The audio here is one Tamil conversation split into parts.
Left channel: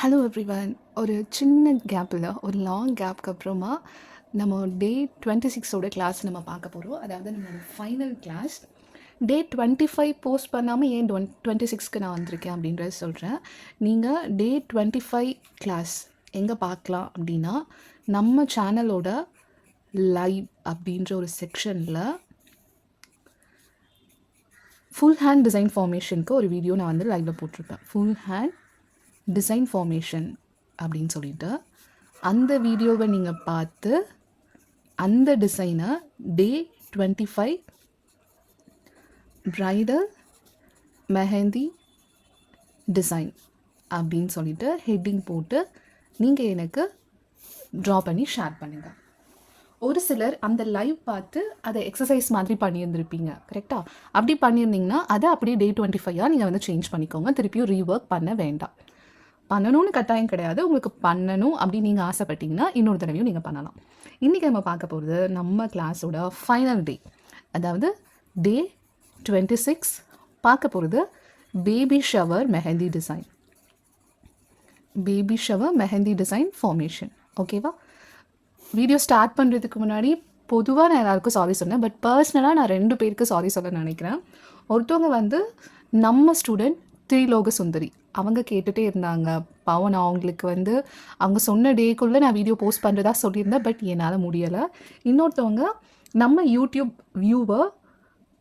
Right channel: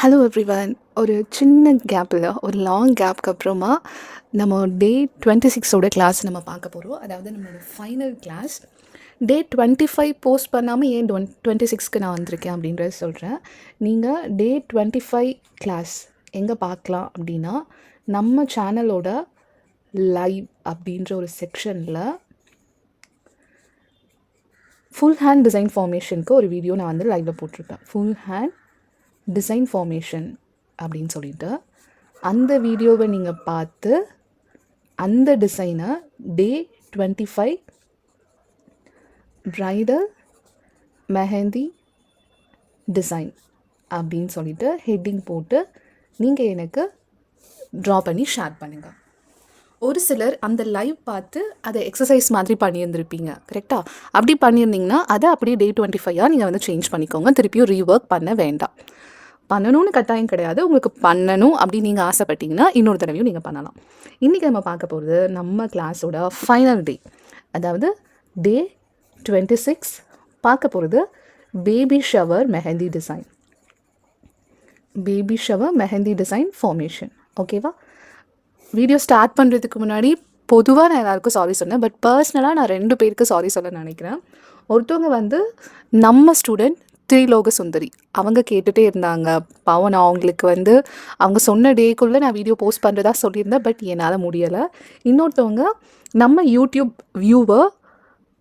Hello everyone. ஒரு சின்ன கேப்பில் ஒரு லாங் கேப்க்கு அப்புறமா நம்ம டே 26ஓட கிளாஸ் நம்ம பார்க்க போகிறோம். அதாவது நம்மளோட ஃபைனல் கிளாஸ். டே 25 போஸ்ட் பண்ணாமல் ஏன் 26க்கு நான் வந்திருக்கேன் அப்படின்றத சொல்கிறேன். நீங்கள் டே 25 கிளாஸ் எங்கே பார்க்கலாம் அப்படின்னா, நம்ம சேனலோட லைவ் அப்படின்ற ஒரு செக்ஷனில் ஃபுல் ஹேண்ட் டிசைன் ஃபார்மேஷனுக்கு ஒரு வீடியோ நான் வந்து லைவில் போட்டிருப்பேன். ஃபுல் ஹேண்ட் டிசைன் ஃபார்மேஷன் அப்படின்னு சொல்லிட்டு அந்த வீடியோவை நீங்கள் பார்த்து அந்த டிசைனை டே 25 ப்ரைடல் மெஹந்தி டிசைன் அப்படின்னு சொல்லிட்டு ஹெட்டிங் போட்டு நீங்கள் எனக்கு ட்ரா பண்ணி ஷேர் பண்ணுங்கள். ஒரு சிலர் அந்த லைவ் பார்த்து அதை எக்ஸசைஸ் மாதிரி பண்ணியிருந்திருப்பீங்க, கரெக்டாக? அப்படி பண்ணியிருந்தீங்கன்னா அதை அப்படியே டே 25 நீங்கள் வந்து சேஞ்ச் பண்ணிக்கோங்க. திருப்பியும் ரீஒர்க் பண்ண வேண்டாம். பண்ணணும்னு கட்டாயம் கிடையாது. உங்களுக்கு பண்ணணும் அப்படின்னு நீங்கள் ஆசைப்பட்டீங்கன்னா இன்னொரு தடவையும் நீங்கள் பண்ணலாம். இன்றைக்கி நம்ம பார்க்க போகிறது நம்ம கிளாஸோட ஃபைனல் டே, அதாவது டே 26. பார்க்க போகிறது baby shower mehndi design, baby shower mehndi design formation. ஓகேவா? வீடியோ ஸ்டார்ட் பண்ணுறதுக்கு முன்னாடி பொதுவாக நான் எல்லாருக்கும் சாரி சொன்னேன், பட் பர்சனலாக நான் 2 பேருக்கு சாரி சொல்ல நினைக்கிறேன். ஒருத்தவங்க வந்து நம்ம ஸ்டூடெண்ட் திரிலோக சுந்தரி, அவங்க கேட்டுகிட்டே இருந்தாங்க. பாவம், நான் அவங்களுக்கு வந்து அவங்க சொன்ன டேக்குள்ளே நான் வீடியோ போஸ்ட் பண்ணுறதா சொல்லியிருந்தேன், பட் என்னால் முடியலை. இன்னொருத்தவங்க நம்ம யூடியூப் வியூவர்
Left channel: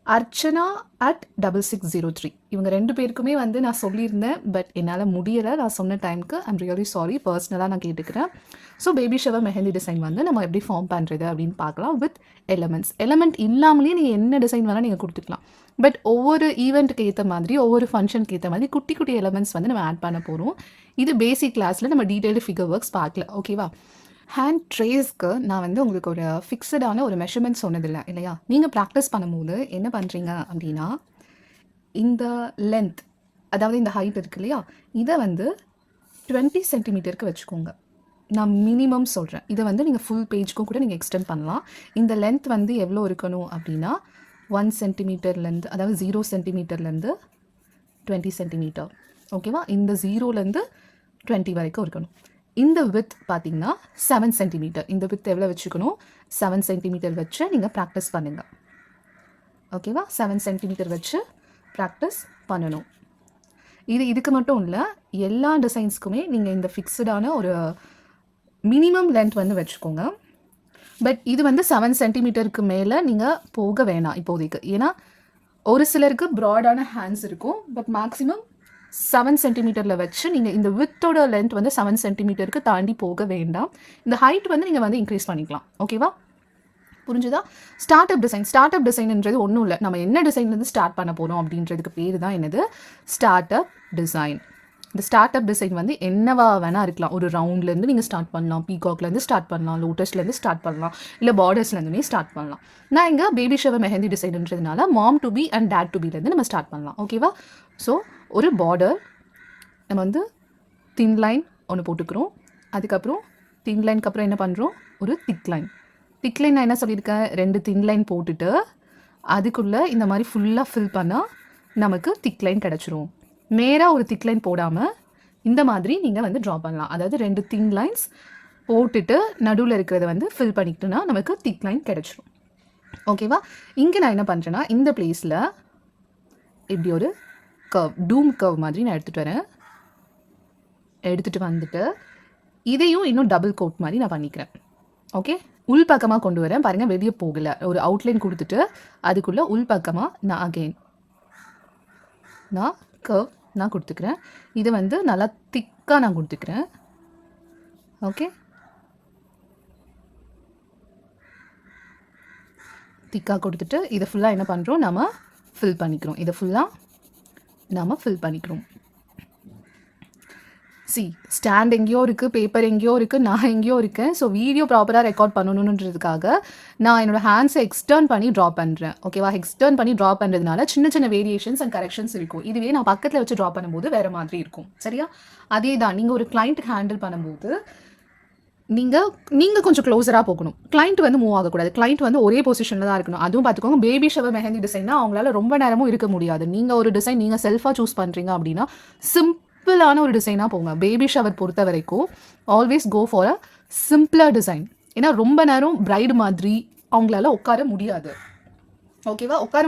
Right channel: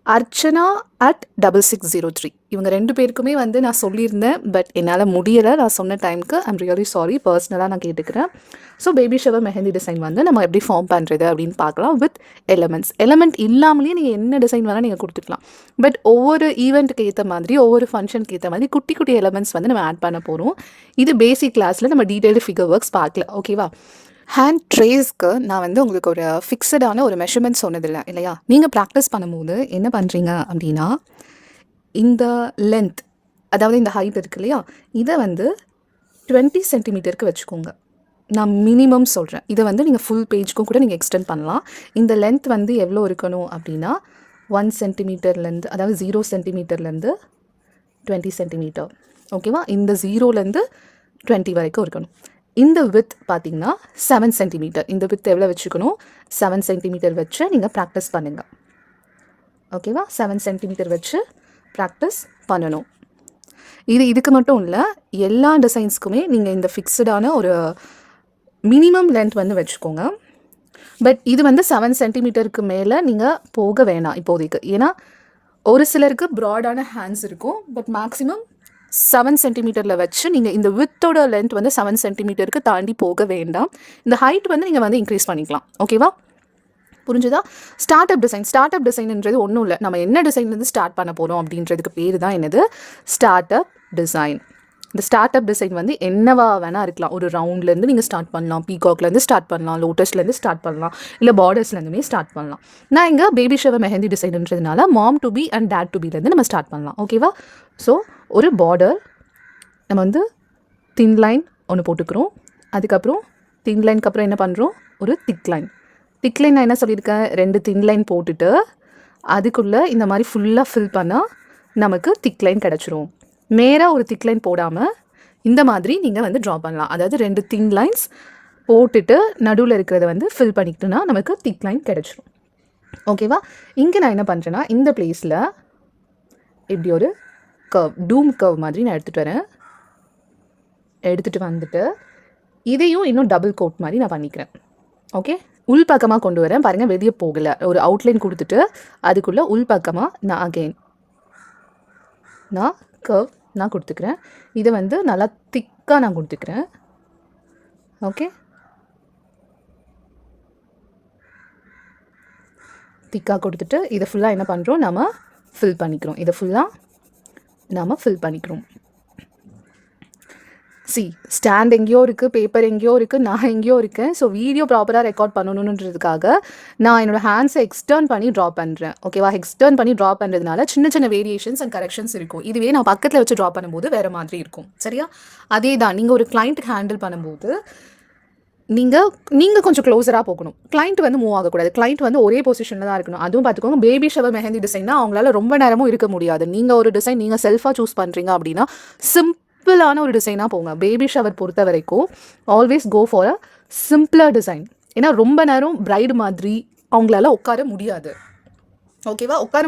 அர்ச்சனா @6603, இவங்க 2 பேருக்குமே வந்து நான் சொல்லியிருந்தேன், பட் என்னால் முடியலை. நான் சொன்ன டைமுக்கு ஐம் ரியலி சாரி, பர்சனலாக நான் கேட்டுக்கிறேன். So baby shower mehndi design வந்து நம்ம எப்படி ஃபார்ம் பண்ணுறது அப்படின்னு பார்க்கலாம். வித் எலமெண்ட் இல்லாமலேயே நீங்கள் என்ன டிசைன் வேணால் நீங்கள் கொடுத்துக்கலாம். பட் ஒவ்வொரு ஈவெண்ட்டுக்கு ஏற்ற மாதிரி, ஒவ்வொரு ஃபங்க்ஷனுக்கு ஏற்ற மாதிரி குட்டி குட்டி எலமெண்ட்ஸ் வந்து நம்ம ஆட் பண்ண போகிறோம். இது பேசிக் கிளாஸில் நம்ம டீட்டெயில்டு ஃபிகர் ஒர்க்ஸ் பார்க்கல. ஓகேவா? ஹேண்ட் ட்ரேஸ்க்கு நான் வந்து உங்களுக்கு ஒரு ஃபிக்ஸடான ஒரு மெஷர்மெண்ட் சொன்னதில்லை இல்லையா? நீங்கள் ப்ராக்டிஸ் பண்ணும்போது என்ன பண்ணுறீங்க அப்படின்னா, இந்த லென்த், அதாவது இந்த ஹைட் இருக்கு இல்லையா, இதை வந்து 20 சென்டிமீட்டருக்கு வச்சுக்கோங்க. நான் மினிமம் சொல்கிறேன். இதை வந்து நீங்கள் ஃபுல் பேஜ்க்கும் கூட நீங்கள் எக்ஸ்டெண்ட் பண்ணலாம். இந்த லென்த் வந்து எவ்வளோ இருக்கணும் அப்படின்னா 1 சென்டிமீட்டர்லேருந்து, அதாவது 0 சென்டிமீட்டர்லேருந்து 20 சென்டிமீட்டர். ஓகேவா? இந்த 0லேருந்து 20 வரைக்கும் இருக்கணும். இந்த வித் பார்த்தீங்கன்னா 7 சென்டிமீட்டர். இந்த வித் எவ்வளோ வச்சுக்கணும்? 7 சென்டிமீட்டர் வச்சு நீங்கள் ப்ராக்டிஸ் பண்ணுங்கள். ஓகேவா? 7 சென்டிமீட்டர் வச்சு ப்ராக்டிஸ் பண்ணணும். இதுக்கு மட்டும் இல்லை, எல்லா டிசைன்ஸ்க்குமே நீங்கள் இந்த ஃபிக்ஸடான ஒரு மினிமம் லென்த் வந்து வச்சுக்கோங்க. பட் இது வந்து 7 சென்டிமீட்டருக்கு மேலே நீங்கள் போக வேணாம் இப்போதைக்கு. ஏன்னா ஒரு சிலருக்கு ப்ராடான ஹேண்ட்ஸ் இருக்கும், பட் மேக்ஸிமம் 7 சென்டிமீட்டரில் வச்சு நீங்கள் இந்த வித்தோட லென்த் வந்து 7 சென்டிமீட்டருக்கு தாண்டி போக வேண்டாம். இந்த ஹைட் வந்து நீங்கள் வந்து இன்க்ரீஸ் பண்ணிக்கலாம். ஓகேவா? புரிஞ்சுதா? ஸ்டார்ட் அப் டிசைன்ன்றது ஒன்றும் இல்லை. நம்ம என்ன டிசைன்லேருந்து ஸ்டார்ட் பண்ண போகிறோம் அப்படின்றதுக்கு பேர் தான் என்னது? Start up design. இந்த ஸ்டார்ட் அப் டிசைன் வந்து என்னவா வேணால் இருக்கலாம். ஒரு ரவுண்ட்லேருந்து நீங்கள் ஸ்டார்ட் பண்ணலாம், பீகாக்லேருந்து ஸ்டார்ட் பண்ணலாம், லோட்டஸ்லேருந்து ஸ்டார்ட் பண்ணலாம், இல்லை பார்டர்ஸ்லேருந்துமே ஸ்டார்ட் பண்ணலாம். நான் இங்கே பேபி ஷவர் மெஹந்தி டிசைன்ன்றதுனால mom to be and date to பிலேருந்து நம்ம ஸ்டார்ட் பண்ணலாம். ஓகேவா? ஸோ ஒரு பார்டர் நம்ம வந்து தின் லைன் ஒன்று போட்டுக்கிறோம். அதுக்கப்புறம் தின் லைனுக்கு அப்புறம் என்ன பண்ணுறோம்? ஒரு திக் லைன். திக் லைன் நான் என்ன சொல்லியிருக்கேன்? 2 தின் லைன் போட்டுட்டு அதுக்குள்ளே இந்த மாதிரி ஃபுல்லாக ஃபில் பண்ணால் நமக்கு திக் லைன் கிடச்சிரும். நேராக ஒரு திக் லைன் போடாமல் இந்த மாதிரி நீங்கள் வந்து ட்ரா பண்ணலாம். அதாவது 2 தின் லைன்ஸ் போட்டுட்டு நடுவில் இருக்கிறத வந்து ஃபில் பண்ணிக்கிட்டோன்னா நமக்கு திக் லைன் கிடச்சிரும். ஓகேவா? இங்கே நான் என்ன பண்ணுறேன்னா, இந்த பிளேஸில் இப்படி ஒரு டூம் கர்வ் மாதிரி நான் எடுத்துகிட்டு வந்துட்டு இதையும் இன்னும் டபுள் கோட் மாதிரி நான் பண்ணிக்கிறேன். ஓகே? உள் பக்கமாக கொண்டு வரேன். பாருங்கள், வெளியே போகலை. ஒரு அவுட்லைன் கொடுத்துட்டு அதுக்குள்ளே உள் பக்கமாக நான் கர்வ் நான் கொடுத்துக்கிறேன். இதை வந்து நல்லா திக்காக நான் கொடுத்துக்கிறேன். ஓகே? திக்காக கொடுத்துட்டு இதை ஃபுல்லாக என்ன பண்ணுறோம்? நம்ம ஃபில் பண்ணிக்கிறோம். ஸ்டாண்ட் எங்கேயோ இருக்குது, பேப்பர் எங்கேயோ இருக்குது, நான் எங்கேயோ இருக்கேன். ஸோ வீடியோ ப்ராப்பராக ரெக்கார்ட் பண்ணணுன்றதுக்காக நான் என்னோடய ஹேண்ட்ஸை எக்ஸ்டர்ன் பண்ணி ட்ரா பண்ணுறேன். ஓகேவா? எக்ஸ்டர்ன் பண்ணி ட்ரா பண்ணுறதுனால சின்ன சின்ன வேரியேஷன்ஸ் அண்ட் கரெக்ஷன்ஸ் இருக்கும். இதுவே நான் பக்கத்தில் வச்சு ட்ரா பண்ணும்போது வேறு மாதிரி இருக்கும். சரியா? அதே தான் நீங்கள் ஒரு கிளைண்ட்டுக்கு ஹேண்டில் பண்ணும்போது நீங்கள் கொஞ்சம் க்ளோஸராக போகணும். கிளைண்ட் வந்து மூவ் ஆகக்கூடாது. கிளைண்ட் வந்து ஒரே பொசிஷனில் தான் இருக்கணும். அதுவும் பார்த்துக்கோங்க, பேபி ஷவர் மெஹந்தி டிசைன்னா அவங்களால ரொம்ப நேரமும் இருக்க முடியாது. நீங்கள் ஒரு டிசைன் நீங்கள் செல்ஃபாக சூஸ் பண்ணுறீங்க அப்படின்னா சிம்பிளான ஒரு டிசைனாக போங்க. பேபி ஷவர் பொறுத்த வரைக்கும் always go for a simpler design. ஏன்னா ரொம்ப நேரம் பிரைடு மாதிரி அவங்களால உட்கார முடியாது. ஓகேவா? உட்கார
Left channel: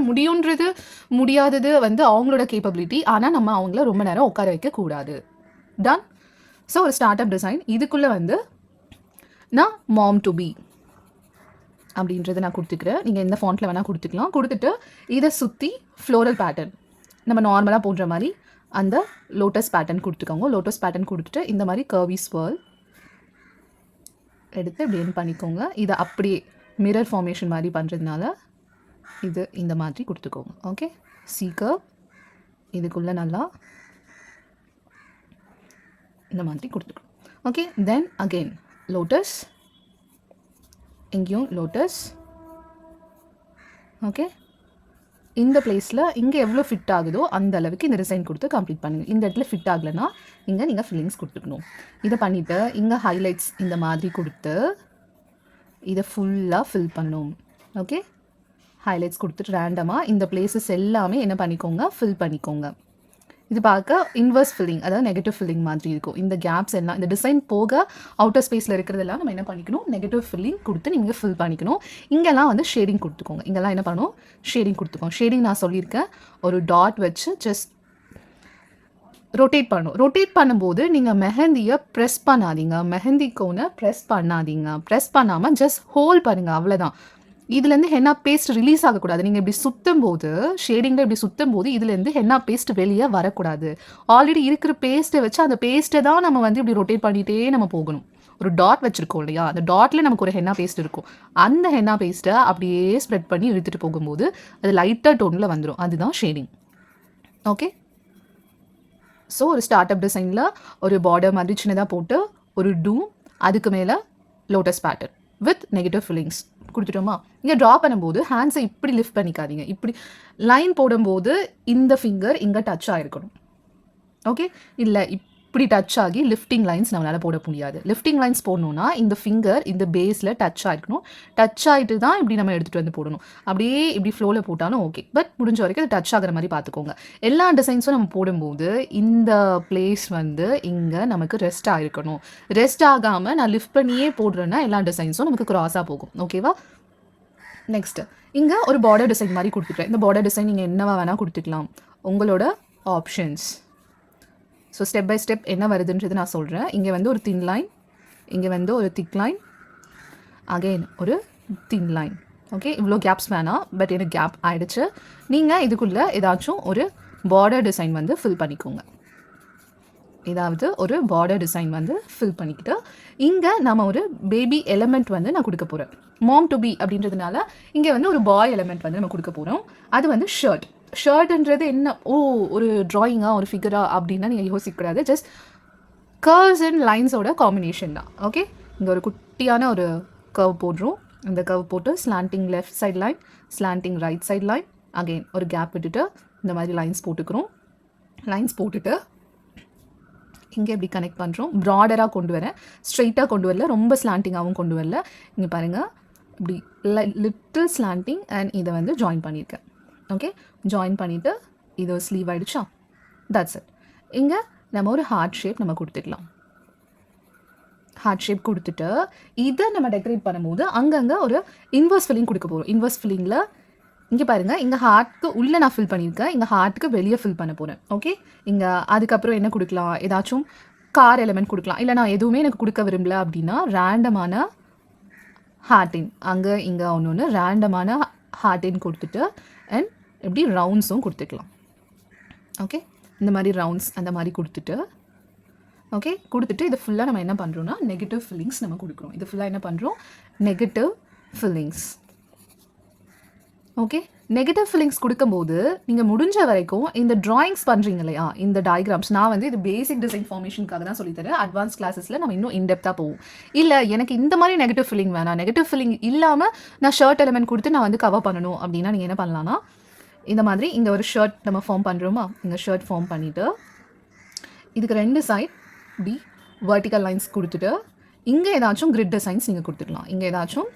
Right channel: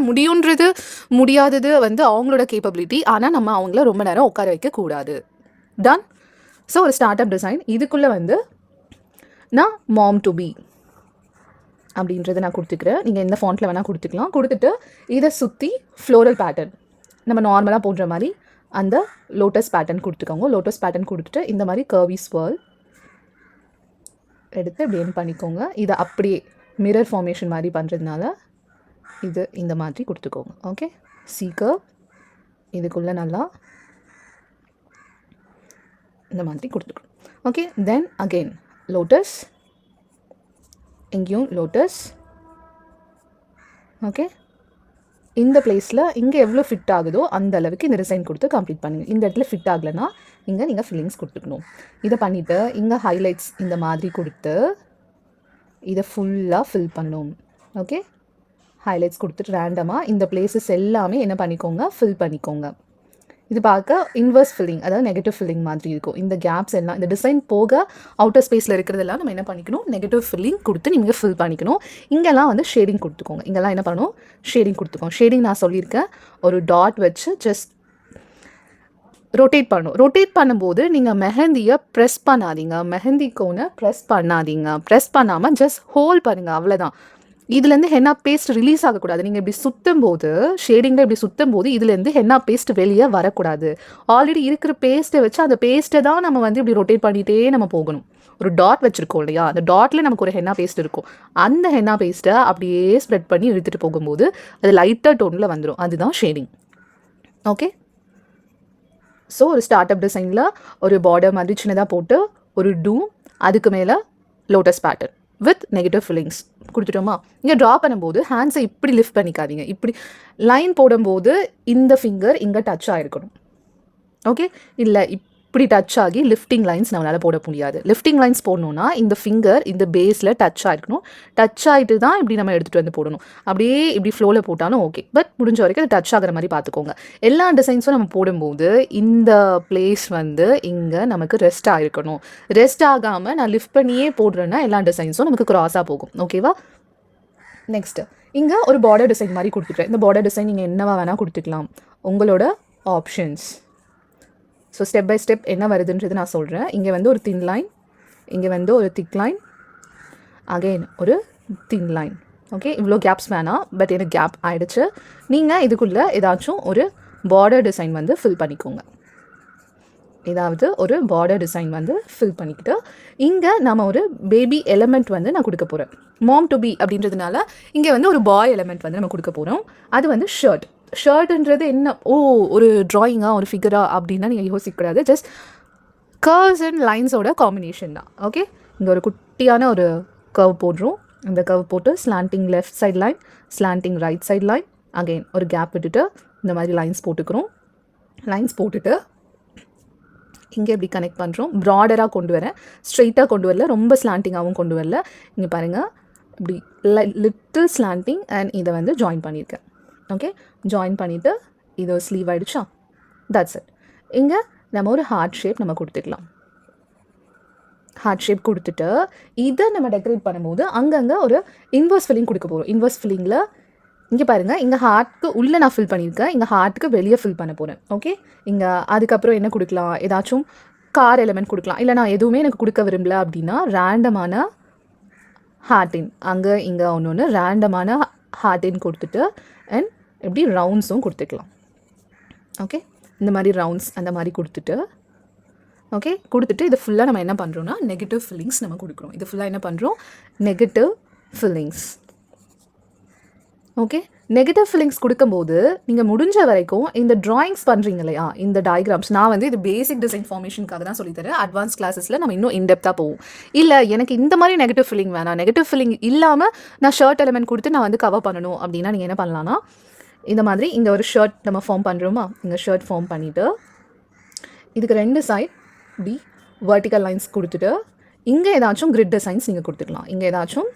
முடியாதது வந்து அவங்களோட கேப்பபிலிட்டி. ஆனால் நம்ம அவங்கள ரொம்ப நேரம் உட்கார வைக்கக்கூடாது. டன். ஸோ ஒரு ஸ்டார்ட் அப் டிசைன் இதுக்குள்ளே வந்து நான் மாம் டு பி அப்படின்றத நான் கொடுத்துக்கிறேன். நீங்கள் எந்த ஃபாண்ட்டில் வேணால் கொடுத்துக்கலாம். கொடுத்துட்டு இதை சுற்றி ஃப்ளோரல் பேட்டர்ன் நம்ம நார்மலாக போடுற மாதிரி அந்த லோட்டஸ் பேட்டர்ன் கொடுத்துக்கோங்க. லோட்டஸ் பேட்டர்ன் கொடுத்துட்டு இந்த மாதிரி கர்வி ஸ்வர்ல் எடுத்து இப்படி என் பண்ணிக்கோங்க. இதை அப்படியே மிரர் ஃபார்மேஷன் மாதிரி பண்ணுறதுனால இது இந்த மாதிரி கொடுத்துக்கோங்க. ஓகே, சீக்கர் இதுக்குள்ளே நல்லா இந்த மாதிரி கொடுத்துக்கணும். ஓகே, தென் அகெயின் லோட்டஸ், எங்கேயும் லோட்டஸ். ஓகே, இந்த பிளேஸில் இங்கே எவ்வளோ ஃபிட் ஆகுதோ அந்த அளவுக்கு இந்த டிசைன் கொடுத்து கம்ப்ளீட் பண்ணுங்கள். இந்த இடத்துல ஃபிட் ஆகலைன்னா இங்கே நீங்கள் ஃபில்லிங்ஸ் கொடுத்துக்கணும். இதை பண்ணிவிட்டு இங்கே ஹைலைட்ஸ் இந்த மாதிரி கொடுத்து இதை ஃபுல்லாக ஃபில் பண்ணணும். ஓகே, ஹைலைட்ஸ் கொடுத்துட்டு ரேண்டமாக இந்த பிளேசஸ் எல்லாமே என்ன பண்ணிக்கோங்க, ஃபில் பண்ணிக்கோங்க. இது பார்க்க இன்வர்ஸ் ஃபில்லிங், அதாவது நெகட்டிவ் ஃபில்லிங் மாதிரி இருக்கும். இந்த கேப்ஸ் எல்லாம் இந்த டிசைன் போக அவுட்டர் ஸ்பேஸில் இருக்கிறதெல்லாம் நம்ம என்ன பண்ணிக்கணும், நெகட்டிவ் ஃபில்லிங் கொடுத்து நீங்கள் ஃபில் பண்ணிக்கணும். இங்கெல்லாம் வந்து ஷேடிங் கொடுத்துக்கோங்க. இங்கெல்லாம் என்ன பண்ணணும், ஷேடிங் கொடுத்துக்கோங்க. ஷேடிங் நான் சொல்லியிருக்கேன், ஒரு டாட் வச்சு ஜஸ்ட் ரொட்டேட் பண்ணணும். ரொட்டேட் பண்ணும்போது நீங்கள் மெஹந்தியை ப்ரெஸ் பண்ணாதீங்க, மெஹந்தி கோனை ப்ரெஸ் பண்ணாதீங்க. ப்ரெஸ் பண்ணாமல் ஜஸ்ட் ஹோல்ட் பண்ணுங்கள், அவ்வளோதான். இதுலேருந்து ஹென்னா பேஸ்ட் ரிலீஸ் ஆகக்கூடாது. நீங்கள் இப்படி சுற்றும் போது, ஷேடிங்கில் இப்படி சுற்றும் போது இதுலேருந்து ஹென்னா பேஸ்ட் வெளியே வரக்கூடாது. ஆல்ரெடி இருக்கிற பேஸ்ட்டை வச்சு அந்த பேஸ்ட்டை தான் நம்ம வந்து இப்படி ரொட்டேட் பண்ணிகிட்டே நம்ம போகணும். ஒரு டாட் வச்சுருக்கோம் இல்லையா, அந்த டாட்டில் நமக்கு ஒரு ஹென்னா பேஸ்ட் இருக்கும். அந்த ஹென்னா பேஸ்ட்டை அப்படியே ஸ்ப்ரெட் பண்ணி இழுத்துட்டு போகும்போது அது லைட்டாக டோனில் வந்துடும். அதுதான் ஷேடிங். ஓகே, ஸோ ஒரு ஸ்டார்ட் அப் டிசைனில் ஒரு பார்டர் மாதிரி சின்னதாக போட்டு ஒரு டூம், அதுக்கு மேலே lotus pattern with negative fillings கொடுத்துட்டோமா. இங்கே ட்ரா பண்ணும்போது ஹேண்ட்ஸை இப்படி லிஃப்ட் பண்ணிக்காதீங்க. இப்படி லைன் போடும்போது இந்த ஃபிங்கர் இங்கே டச் ஆகிருக்கணும். ஓகே, இல்லை இப்படி டச் ஆகி லிஃப்டிங் லைன்ஸ் நம்மளால் போட முடியாது. லிஃப்டிங் லைன்ஸ் போடணுன்னா இந்த ஃபிங்கர் இந்த பேஸில் டச் ஆகிருக்கணும். டச் ஆகிட்டு தான் இப்படி நம்ம எடுத்துகிட்டு வந்து போடணும். அப்படியே இப்படி ஃப்ளோவில் போட்டாலும் ஓகே, பட் முடிஞ்ச வரைக்கும் அது டச் ஆகிற மாதிரி பார்த்துக்கோங்க. எல்லா டிசைன்ஸும் நம்ம போடும்போது இந்த பிளேஸ் வந்து இங்கே நமக்கு ரெஸ்ட் ஆகிருக்கணும். ரெஸ்ட் ஆகாமல் நான் லிஃப்ட் பண்ணியே போடுறேன்னா எல்லா டிசைன்ஸும் நமக்கு க்ராஸாக போகும். ஓகேவா? நெக்ஸ்ட்டு இங்கே ஒரு பார்டர் டிசைன் மாதிரி கொடுத்துக்கிறேன். இந்த பார்டர் டிசைன் நீங்கள் என்னவா வேணால் கொடுத்துக்கலாம், உங்களோட options. So step by step என்ன வருதுன்றது நான் சொல்கிறேன். இங்கே வந்து ஒரு தின் லைன், இங்கே வந்து ஒரு திக் லைன், அகெயின் ஒரு தின் லைன். ஓகே, இவ்வளோ கேப்ஸ் வேணாம், பட் எனக்கு கேப் ஆகிடுச்சு. நீங்கள் இதுக்குள்ளே ஏதாச்சும் ஒரு பார்டர் டிசைன் வந்து ஃபில் பண்ணிக்கோங்க. ஏதாவது ஒரு பார்டர் டிசைன் வந்து ஃபில் பண்ணிக்கிட்டு இங்கே நம்ம ஒரு பேபி எலமெண்ட் வந்து நான் கொடுக்க போகிறேன். மாம் டு பி அப்படின்றதுனால இங்கே வந்து ஒரு பாய் எலமெண்ட் வந்து நம்ம கொடுக்க போகிறோம். அது வந்து ஷர்ட்ன்றது என்ன, ஒரு ட்ராயிங்கா ஒரு ஃபிகரா அப்படின்னா நீங்கள் யோசிக்கக்கூடாது. ஜஸ்ட் கர்வ்ஸ் அண்ட் லைன்ஸோட காம்பினேஷன் தான். ஓகே, இங்கே ஒரு குட்டியான ஒரு கர்வ் போடுறோம். இந்த கர்வ் போட்டு slanting left side line, slanting right side line, again ஒரு கேப் விட்டுட்டு இந்த மாதிரி லைன்ஸ் போட்டுக்கிறோம். லைன்ஸ் போட்டுட்டு இங்கே எப்படி கனெக்ட் பண்ணுறோம், ப்ராடராக கொண்டு வரேன், ஸ்ட்ரெயிட்டாக கொண்டு வரல, ரொம்ப ஸ்லாண்டிங்காகவும் கொண்டு வரல. இங்கே பாருங்கள், இப்படி லிட்டில் ஸ்லாண்டிங் அண்ட் இதை வந்து ஜாயின் பண்ணியிருக்கேன். ஓகே, ஜாயின் பண்ணிவிட்டு இது ஸ்லீவ் ஆகிடுச்சா, தட்ஸ் இட். இங்கே நம்ம ஒரு ஹார்ட் ஷேப் நம்ம கொடுத்துக்கலாம். ஹார்ட் ஷேப் கொடுத்துட்டு இதை நம்ம டெக்கரேட் பண்ணும்போது அங்கங்கே ஒரு இன்வர்ஸ் ஃபில்லிங் கொடுக்க போகிறோம். இன்வர்ஸ் ஃபில்லிங்கில் இங்கே பாருங்கள், இங்கே ஹார்ட்க்கு உள்ளே நான் ஃபில் பண்ணியிருக்கேன், இங்கே ஹார்ட்டுக்கு வெளியே ஃபில் பண்ண போகிறேன். ஓகே, இங்கே அதுக்கப்புறம் என்ன கொடுக்கலாம், ஏதாச்சும் கார் எலமெண்ட் கொடுக்கலாம். இல்லை நான் எதுவுமே எனக்கு கொடுக்க விரும்பல அப்படின்னா ரேண்டமான ஹார்ட்டின், அங்கே இங்கே ஒன்று ரேண்டமான ஹார்ட்டின் கொடுத்துட்டு அண்ட் எப்படி ரவுண்ட்ஸும் கொடுத்துக்கலாம். ஓகே, இந்த மாதிரி ரவுண்ட்ஸ் அந்த மாதிரி கொடுத்துட்டு ஓகே கொடுத்துட்டு இது ஃபுல்லாக நம்ம என்ன பண்ணுறோம்னா நெகட்டிவ் ஃபில்லிங்ஸ் நம்ம கொடுக்குறோம். இது ஃபுல்லாக என்ன பண்ணுறோம், negative fillings. Okay, negative fillings கொடுக்கும்போது நீங்கள் முடிஞ்ச வரைக்கும் இந்த ட்ராயிங்ஸ் பண்ணுறீங்க இல்லையா, இந்த டயக்ராம்ஸ் நான் வந்து இது பேசிக் டிசைன் ஃபார்மேஷனுக்காக தான் சொல்லித்தரேன். அட்வான்ஸ் கிளாஸஸில் நம்ம இன்னும் இன்டெப்த்தாக போவோம். இல்லை எனக்கு இந்த மாதிரி நெகட்டிவ் ஃபில்லிங் வேணாம், நெகட்டிவ் ஃபில்லிங் இல்லாமல் நான் ஷர்ட் எலமெண்ட் கொடுத்து நான் வந்து கவர் பண்ணணும் அப்படின்னா நீங்கள் என்ன பண்ணலான்னா, இந்த மாதிரி இங்கே ஒரு ஷர்ட் நம்ம ஃபார்ம் பண்ணுறோமா, இந்த ஷர்ட் ஃபார்ம் பண்ணிவிட்டு இதுக்கு 2 சைட் இப்படி வெர்டிக்கல் லைன்ஸ் கொடுத்துட்டு இங்கே ஏதாச்சும் கிரிட் டிசைன்ஸ் நீங்கள் கொடுத்துக்கலாம். இங்கே ஏதாச்சும்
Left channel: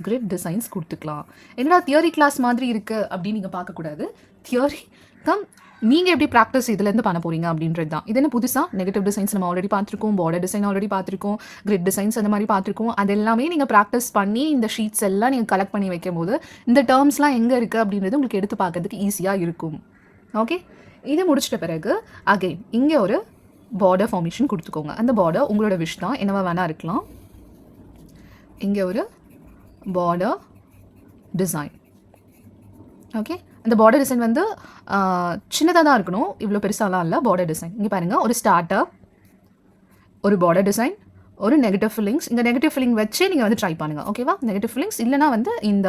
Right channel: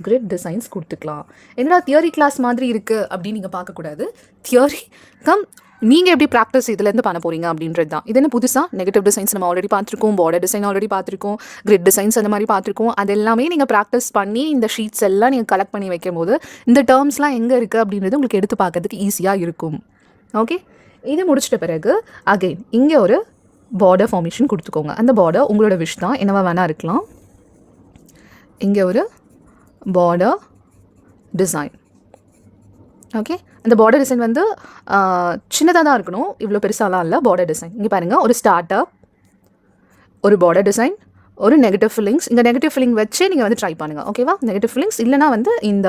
கிரிட் டிசைன்ஸ் கொடுத்துக்கலாம். என்னடா தியரி கிளாஸ் மாதிரி இருக்குது அப்படின்னு நீங்கள் பார்க்கக்கூடாது. தியரி கம் நீங்கள் எப்படி ப்ராக்டிஸ் இதுலேருந்து பண்ண போகிறீங்க அப்படின்றது தான். இது என்ன புதுசாக நெகட்டிவ் டிசைன்ஸ் நம்ம ஆல்ரெடி பார்த்துருக்கோம், பார்டர் டிசைன் ஆல்ரெடி பார்த்துருக்கோம், கிரிட் டிசைன்ஸ் அந்த மாதிரி பார்த்துருக்கோம். அது எல்லாமே நீங்கள் ப்ராக்டிஸ் பண்ணி இந்த ஷீட்ஸ் எல்லாம் நீங்கள் கலெக்ட் பண்ணி வைக்கும் போது இந்த டேர்ம்ஸ்லாம் எங்கே இருக்குது அப்படின்றது உங்களுக்கு எடுத்து பார்க்கறதுக்கு ஈஸியாக இருக்கும். ஓகே, இது முடிச்சிட்ட பிறகு அகெயின் இங்கே ஒரு பார்டர் ஃபார்மேஷன் கொடுத்துக்கோங்க. அந்த பார்டர் உங்களோட விஷ் தான், என்னவா வேணால் இருக்கலாம். இங்கே ஒரு பார்டர் டிசைன். ஓகே, அந்த பார்டர் டிசைன் வந்து சின்னதாக தான் இருக்கணும், இவ்வளோ பெருசாலாம் இல்லை. பார்டர் டிசைன் இங்கே பாருங்கள், ஒரு ஸ்டார்டர், ஒரு பார்டர் டிசைன், ஒரு நெகட்டிவ் ஃபில்லிங்ஸ். இந்த நெகட்டிவ் ஃபில்லிங் வச்சு நீங்கள் வந்து ட்ரை பண்ணுங்கள். ஓகேவா, நெகட்டிவ் ஃபில்லிங்ஸ் இல்லைனா வந்து இந்த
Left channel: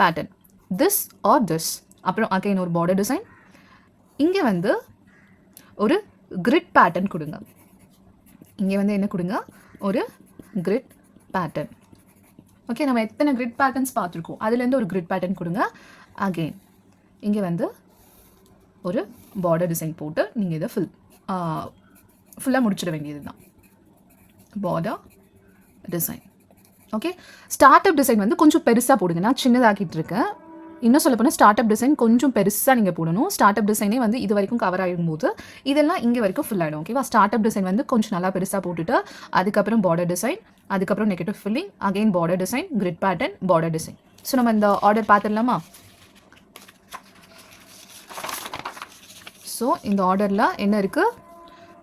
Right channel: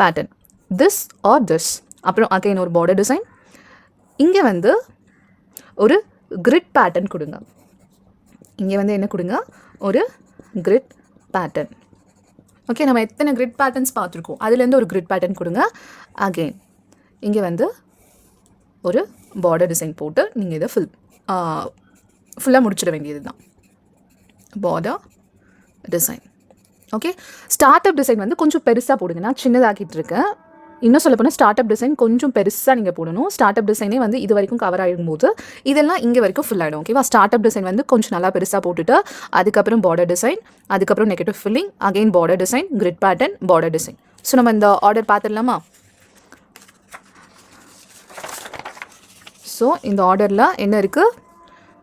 பேட்டர்ன் திஸ் ஆர் திஸ். அப்புறம் அகைன் ஒரு பார்டர் டிசைன். இங்கே வந்து ஒரு கிரிட் பேட்டர்ன் கொடுங்க. இங்கே வந்து என்ன கொடுங்க, ஒரு கிரிட் பேட்டர்ன். ஓகே, நம்ம எத்தனை கிரிட் பேட்டர்ன்ஸ் பார்த்துருக்கோம், அதுலேருந்து ஒரு கிரிட் பேட்டர்ன் கொடுங்க. அகெயின் இங்கே வந்து ஒரு பார்டர் டிசைன் போட்டு நீங்கள் இதை ஃபுல்லாக முடிச்சிட வேண்டியது தான். Border design. Okay, start up design வந்து கொஞ்சம் பெருசாக போடுங்க. நான் சின்னதாக்கிட்டு இருக்கேன். இன்னும் சொல்ல போனால் ஸ்டார்ட் அப் டிசைன் கொஞ்சம் பெருசாக நீங்கள் போடணும். ஸ்டார்ட் அப் டிசைனே வந்து இது வரைக்கும் கவர் ஆகிடும் போது இதெல்லாம் இங்கே வரைக்கும் ஃபுல் ஆகிடும். ஓகேவா, ஸ்டார்ட் அப் டிசைன் வந்து கொஞ்சம் நல்லா பெருசாக போட்டுட்டு அதுக்கப்புறம் பார்டர் டிசைன், அதுக்கப்புறம் negative filling, again border design, grid pattern, border design. So நம்ம இந்த ஆர்டர் பார்த்துடலாமா? ஸோ இந்த ஆர்டரில் என்ன இருக்குது?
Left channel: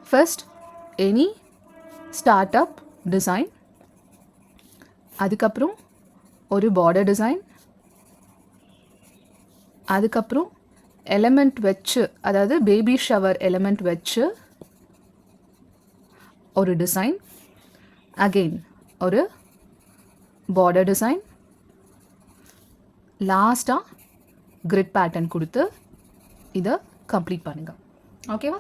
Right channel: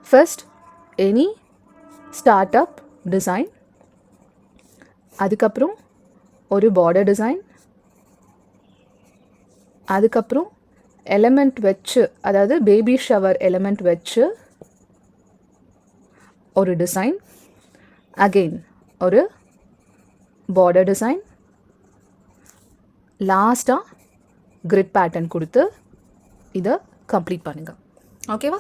First any start up design, அதுக்கப்புறம் ஒரு பார்டர் டிசைன், அதுக்கப்புறம் எலமெண்ட் வச்சு, அதாவது பேபி ஷவர் எலமெண்ட் வச்சு ஒரு டிசைன், அகெயின் ஒரு பார்டர் டிசைன், லாஸ்ட்டாக கிரிட் பேட்டர்ன் கொடுத்து இதை கம்ப்ளீட் பண்ணுங்கள். ஓகேவா,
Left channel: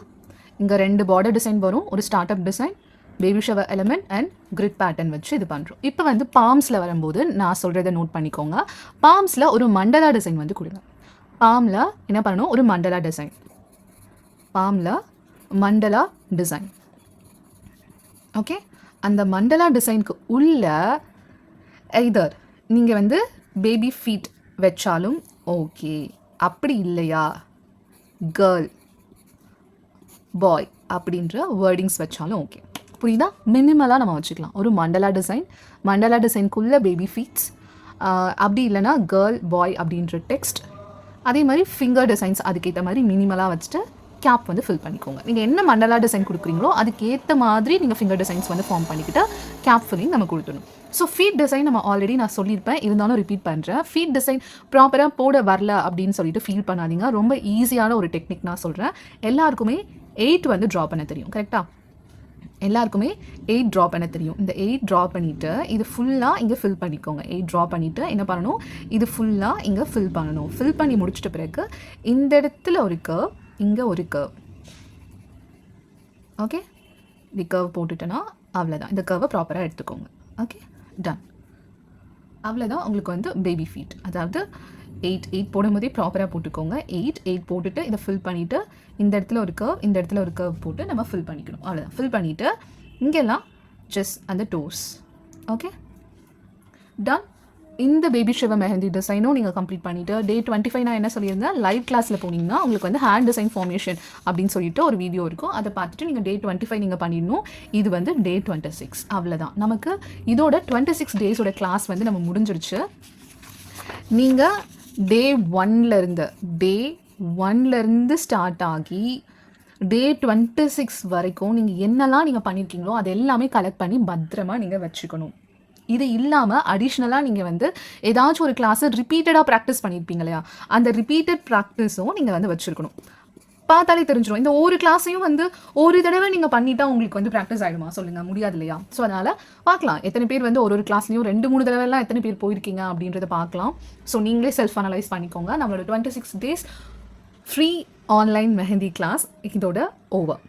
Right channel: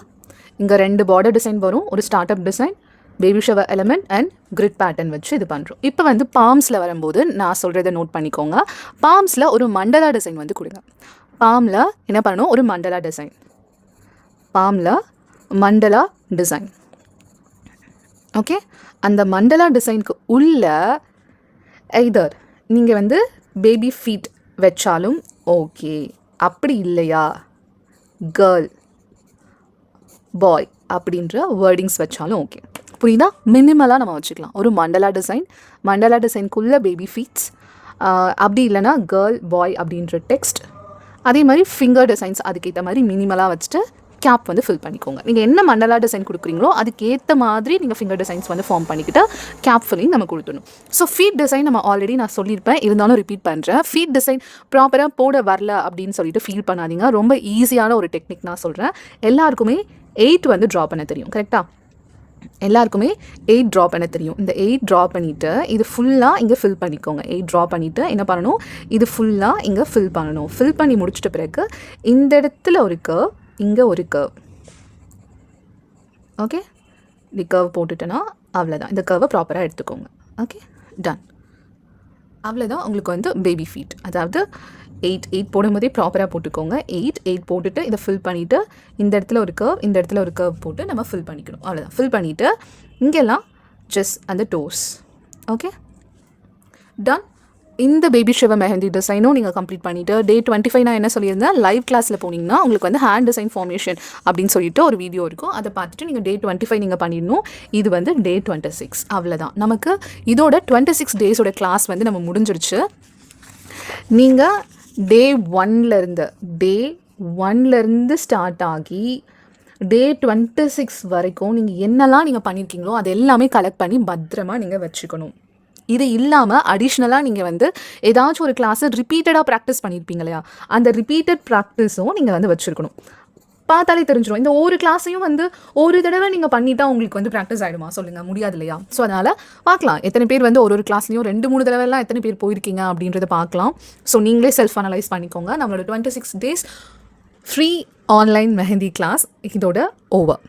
இங்கே 2 பார்டர் டிசைன் வரும், ஒரு start up design, baby shower element and grid pattern வச்சு இது பண்ணுறோம். இப்போ வந்து பாம்ஸில் வரும்போது நான் சொல்கிறத நோட் பண்ணிக்கோங்க. பாம்ஸில் ஒரு மண்டலா டிசைன் வந்து கொடுங்க. பாமில் என்ன பண்ணணும், ஒரு மண்டலா டிசைன். பாமில் மண்டலா டிசைன். ஓகே, அந்த மண்டலா டிசைனுக்கு உள்ள எய்தர் நீங்கள் வந்து பேபி ஃபீட் வச்சாலும் ஓகே, அப்படி இல்லையா கேர்ள் பாய் அப்படின்ற வேர்டிங்ஸ் வச்சாலும் ஓகே. புரியுதா? மினிமலாக நம்ம வச்சுக்கலாம். ஒரு மண்டலா டிசைன், மண்டலா டிசைனுக்குள்ளே பேபி ஃபீட்ஸ், அப்படி இல்லைனா கேர்ள் பாய் அப்படின்ற டெக்ஸ்ட். அதே மாதிரி ஃபிங்கர் டிசைன்ஸ் அதுக்கேற்ற மாதிரி மினிமலாக வச்சுட்டு கேப் வந்து ஃபில் பண்ணிக்கோங்க. நீங்கள் என்ன மண்டலா டிசைன் கொடுக்குறீங்களோ அதுக்கேற்ற மாதிரி நீங்கள் ஃபிங்கர் டிசைன்ஸ் வந்து ஃபார்ம் பண்ணிக்கிட்டு கேப் ஃபில்லிங் நம்ம கொடுத்துடணும். ஸோ ஃபீட் டிசைன் நம்ம ஆல்ரெடி நான் சொல்லியிருப்பேன், இருந்தாலும் ரிப்பீட் பண்ணுறேன். ஃபீட் டிசைன் ப்ராப்பராக போட வரல அப்படின்னு சொல்லிட்டு ஃபீல் பண்ணாதீங்க. ரொம்ப ஈஸியான ஒரு டெக்னிக் நான் சொல்கிறேன். எல்லாருக்குமே 8 வந்து ட்ரா பண்ண தெரியும், கரெக்டாக? எல்லாருக்குமே 8 ட்ரா பண்ண தெரியும். இந்த 8 ட்ரா பண்ணிவிட்டு இது ஃபுல்லாக இங்கே ஃபில் பண்ணிக்கோங்க. 8 ட்ரா பண்ணிவிட்டு என்ன பண்ணணும், இது ஃபுல்லாக இங்கே ஃபில் பண்ணணும். ஃபில் பண்ணி முடிச்சிட்ட பிறகு இந்த இடத்துல ஒரு கர்வ், இங்கே ஒரு கர்வ். ஓகே, இந்த கர்வ் போட்டுட்டேன்னா அவ்வளோதான். இந்த கர்வை ப்ராப்பராக எடுத்துக்கோங்க. Okay, done. அவ்வளோதான் உங்களுக்கு வந்து பேபி ஃபீட். அதாவது 8 போடும்போதே ப்ராப்பராக போட்டுக்கோங்க. 8 போட்டுட்டு இதை ஃபில் பண்ணிவிட்டு இந்த இடத்துல ஒரு கர்வ், இந்த இடத்துல ஒரு கர்வ் போட்டு நம்ம ஃபில் பண்ணிக்கணும். அவ்வளோதான். ஃபில் பண்ணிவிட்டு இங்கெல்லாம் ஜஸ்ட் அந்த டோஸ். Okay, done. இந்த பேபி ஷவர் மெஹந்தி டிசைனும் நீங்கள் கம்ப்ளீட் பண்ணிவிட்டு டே 25 நான் என்ன சொல்லியிருந்தேன், லைவ் கிளாஸில் போனீங்கன்னா உங்களுக்கு வந்து ஹேண்ட் டிசைன் ஃபார்மேஷன் அப்படின்னு சொல்லிட்டு ஒரு வீடியோ இருக்கும். அதை பார்த்துட்டு நீங்கள் டே 25 நீங்கள் பண்ணிடணும். இது வந்து டே 26. அவ்வளோதான். நமக்கு இதோட 26 டேஸோட கிளாஸ் வந்து நம்ம முடிஞ்சிருச்சு. நீங்கள் டே 1லேருந்து ஸ்டார்ட் ஆகி டே 26 வரைக்கும் நீங்கள் என்னெல்லாம் நீங்கள் பண்ணியிருக்கீங்களோ அது எல்லாமே கலெக்ட் பண்ணி பத்திரமா நீங்கள் வச்சுக்கணும். இது இல்லாமல் அடிஷ்னலாக நீங்கள் வந்து ஏதாச்சும் ஒரு கிளாஸை ரிப்பீட்டடாக ப்ராக்டிஸ் பண்ணியிருப்பீங்க இல்லையா, அந்த ரிப்பீட்டட் ப்ராக்டிஸும் நீங்கள் வந்து வச்சுருக்கணும். பார்த்தாலே தெரிஞ்சிடும். இந்த ஒரு கிளாஸையும் வந்து ஒரு தடவை நீங்கள் பண்ணிட்டா உங்களுக்கு வந்து ப்ராக்டிஸ் ஆகிடுமா சொல்லுங்கள்? முடியாது இல்லையா? ஸோ அதனால் பார்க்கலாம் எத்தனை பேர் வந்து ஒரு கிளாஸ்லையும் 2-3 தடவைலாம் எத்தனை பேர் போயிருக்கீங்க அப்படின்றத பார்க்கலாம். ஸோ நீங்களே செல்ஃப் அனலைஸ் பண்ணிக்கோங்க. நம்மளோட 26 days free online mehndi class இதோட ஓவர்.